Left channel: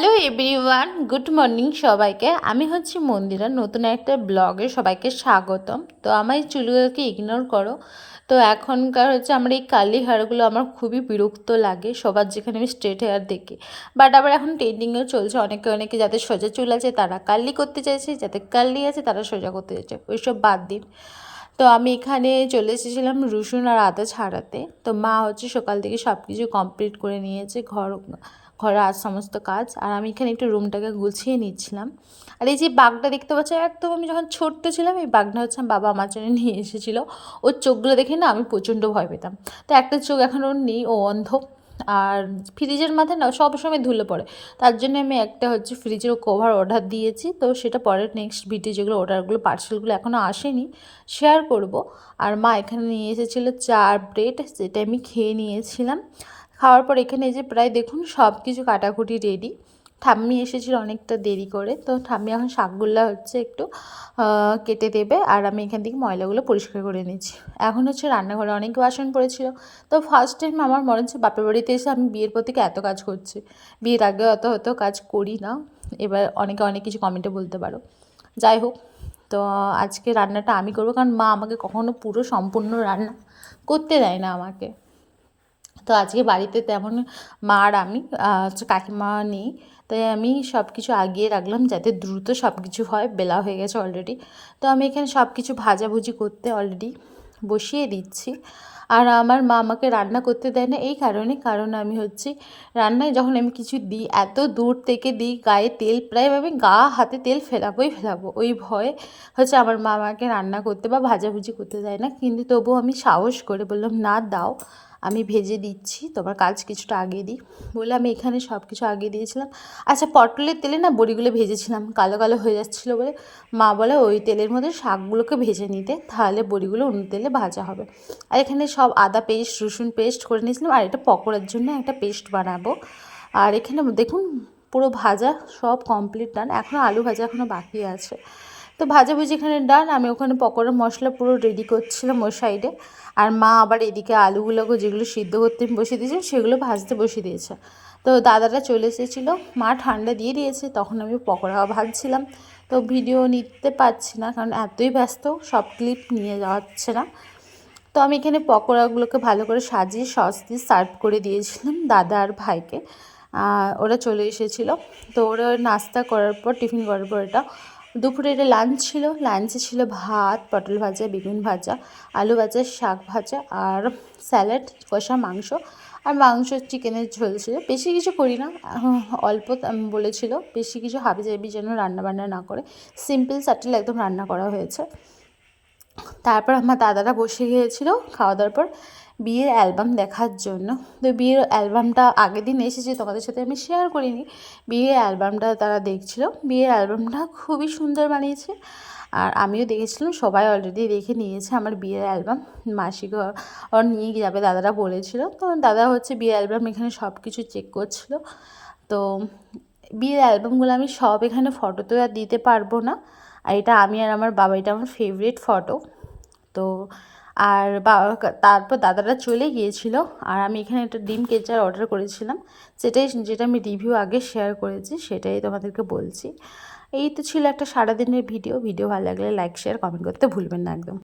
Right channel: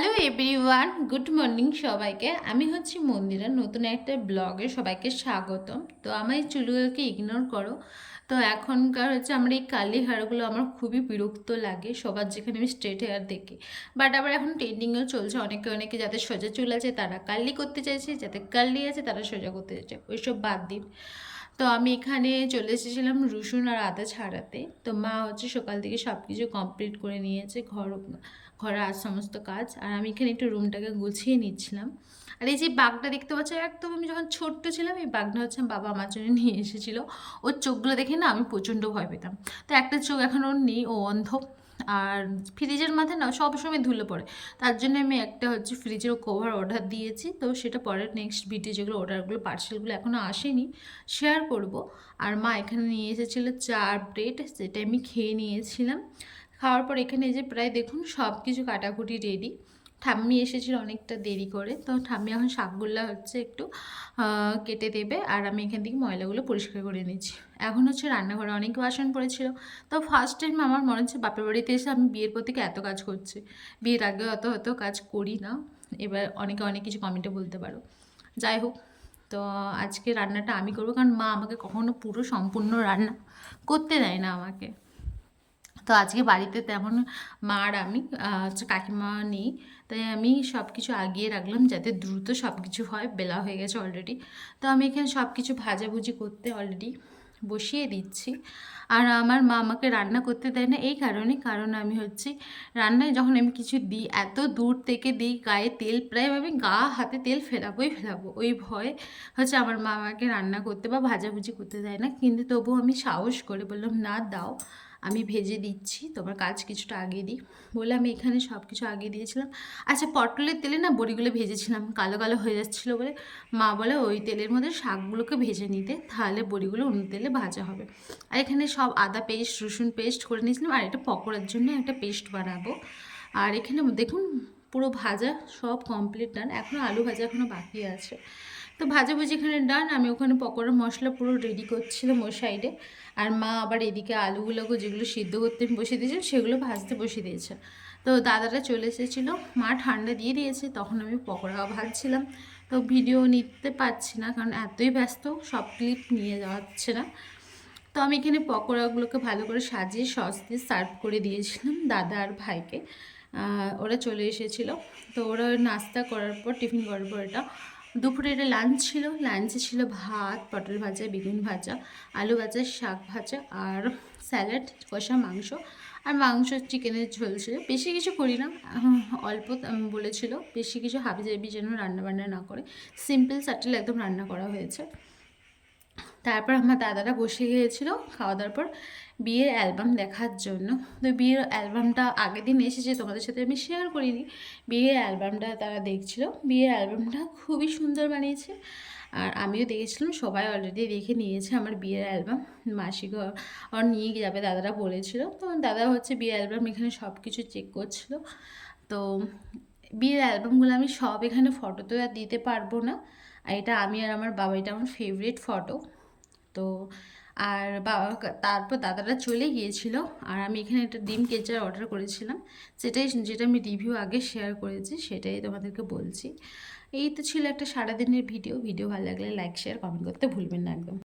Hello everyone, good morning সবাইকে। আমি হচ্ছি মন্দিরা, নতুন একটা ব্লগে সবাইকে স্বাগতম। তো আমার এই চুলগুলোকে ইগনোর করো। তো এখনকার হচ্ছে আমার এই কার্লি হেয়ারগুলো আমার খুবই বিরক্ত লাগে, সবার যেখানে আমি স্ট্রেট হেয়ার দেখি। বাট আবার এখন ট্রেন্ডিংয়েও চলছে, অনেকে যাদের সোজা চুল আছে তারা কার্লি করতে চাইছে, যাদের কার্লি আছে তারা সোজা করতে চাইছে, ওইসব বাদ দিন। তো আমি এখানে চলে এসেছিলাম রসুন আর আদা ছাড়াতে। তো মা হচ্ছে সকাল থেকে সব কিছু কমপ্লিট করে নিয়েছে, ঘরে আজ সমস্ত কাজ। আর আমি এখানে একটু রুমটাকে গুছিয়ে নিচ্ছিলাম। আর এই যে বাঘটা দেখতে পাচ্ছি, একদম আমি যখন ছোট্ট ছিলাম এই বাঘটা হচ্ছে বাবা আমার জন্য নিয়ে এসেছিলো। ওর চোখগুলো দেখে না আমি প্রচণ্ড ভয় পেতাম। তো একটা চোখ এখন ওর নেই, ও অন্ধ। আর ফ্রিজের মাথায় না সবসময় ধুলে পড়ে, তার জন্য আমি একটা হচ্ছে ফ্রিজের কভার অর্ডার দিয়েছি। তো সেটা পরের নেক্সট ভিডিও যেগুলো অর্ডারগুলো পার্সেলগুলো এখনও আসেনি, শেয়ার করব। আর মা এখানে নিয়ে এসেছিলো 4 ব্রেড, যেটা আমি খেয়ে নিয়েছিলাম। খাওয়ার পর এখানে এই যে প্রায় দেখুন সব কিছু কাটাকুটি রেডি। ঠাম্মি এসেছিল অনেকটা দেরি করে, তো ঠাম্মি এখন শাকগুলো হচ্ছে একটু কেটে দেবে, আর আমি এখান থেকে ময়লাগুলো পরিষ্কার করে নিচ্ছি। এখন হচ্ছে রান্নাঘরে অনেক বাসন পড়েছিল। তো ফার্স্ট টাইম আমার মনে হচ্ছে বাপের বাড়িতে এসে আমি বিয়ের পর থেকে এত কাজ করছি। বিয়ের আগে অত কাজ করি না। এবার অনেকে অনেক কিছু কমেন্টে বলতে পারো, যাই হোক। তো আজকে রান্নাটা আমি করবো, কারণ মা আমাকে কখনো পুরো সম্পূর্ণ রান্না করতে দেয় না আমাকে। তো আজকে বাড়িতে তেমন মা আর আমি হচ্ছে কাকিমা নেই, তাই আমি সব কিছু আগিয়ে রাখলাম যাতে দ্রুত সব কিছু হয়। বেলা হয়ে গেছে অলরেডি। তো আমি এখানে সব কিছু ভাজাভুজি করতে অলরেডি বসিয়ে দিচ্ছি। আর আমার মা আমাকে রান্না করতে দেয় না এই কারণ আমি হচ্ছে রান্নায় যখন আমি কিছু দিই এত দূর থেকে দিই, গায়ে তেল প্রায় আমি হাতে তেল ফেলাবো, ওই ভয়ে হচ্ছে আমার মা আমাকে রান্না করতে বা ভাজাভুজি করতে দেয় না। কিন্তু তবুও আমি সাহস করে বললাম, না দাও, আমি ভেজে দিচ্ছি, তোমার কাজ কিছুটা আগে দিই বলে আমি এখানে সব কিছু আগে দিয়েছিলাম। আচ্ছা, পটলের তেলে না বড়িগুলো ভেজেছিলাম, কালো কালো হয়ে যাচ্ছিলো বলে মা বলে ওই তেলের মধ্যে শাকগুলোকে ভেজে নিতে, তাহলে বড়িগুলো অন্য তেলে ভাজা হবে। আর এখানে সব আদা পেস্ট রসুন পেস্ট করে নিয়েছিলাম, আর এটা পকোড়ার জন্য একটা পেস্ট বানাবো। আর এখানে দেখুন পুরো ভাজা সব কমপ্লিট ডান, এখনও আলু ভাজা এখনও বাকি আছে। তো ভাজাভুজি এখানে ডান, আমি ওখানে পকোড়ার মশলা পুরো রেডি করছিলাম ওর সাইডে। আর মা আবার এদিকে আলুগুলোকে যেগুলো সিদ্ধ করতে বসিয়ে দিয়েছে সেগুলো ভাজতে বসিয়ে দিয়েছে। তো দাদারা চলে এসেছিলো, মা ঠান্ডা দিয়ে দিয়েছে, তখন আমি পকোড়া ভাজছিলাম। তো ভিডিও নিতে পারছি না কারণ এতই ব্যস্ত, সব ক্লিপ নিয়ে যাচ্ছে না। তো আমি এখানে পকোড়াগুলোকে ভালো করে সাজিয়ে সস দিয়ে সার্ভ করে দিয়েছিলাম দাদা আর ভাইকে। ওরা চলে এসেছিলো। তো ওরা নাস্তা করার পর টিফিন করার পর এটা দুপুরে এটা লাঞ্চ ছিল। লাঞ্চে ছিল ভাত, পটল ভাজা, বেগুন ভাজা, আলু ভাজা, শাক ভাজা আর স্যালাড, কষা মাংস। আর মাংস চিকেনের ঝোল ছিল। বেশি কিছু করি না, অল্প বলেছিল, বেশি কিছু হাবিজাবি যেন রান্নাবান্না না করে, সিম্পল স্যাটেল একদম রান্না করা হয়েছে। তারপর আমার দাদারা বসে গিয়েছিলো খাওয়া দাওয়ার পর বিয়ের অ্যালবাম দেখার জন্য। তো বিয়ের অ্যালবামটা আগের দিন এসেছে, তোমাদের সাথে আমি শেয়ার করিনি। বিয়ের অ্যালবামটা তারা দেখছিল। বিয়ের অ্যালবামটা খুবই সুন্দর বানিয়েছে, আর আমিও দেখেছিলাম, সবাই অলরেডি দেখে নিয়েছে আমার বিয়ের অ্যালবাম। মাসিকে ওর নিয়ে যাবে দাদারা বলেছিল। তো দাদা হচ্ছে বিয়ের অ্যালবাম এখানে সব কিছু চেক করছিল। তো বিয়ের অ্যালবামগুলো আমি সব এখানে ফটো তো আর দিতে পারবো না। আর এটা আমি আর আমার বাবা, এটা আমার ফেভারিট ফটো। তো আর তারপর দাদারা চলে গিয়েছিল, আর আমি এখানে একটা ডিম কেচার অর্ডার করেছিলাম, যেটা আমি রিভিউ আগে শেয়ার করেছি, সেটাই তোমাদেরকে বলছি। এই তো ছিল একটা সারাদিনের ভিডিও ভালো লাগলে লাইক শেয়ার কমেন্ট করতে ভুলবেন না একদম।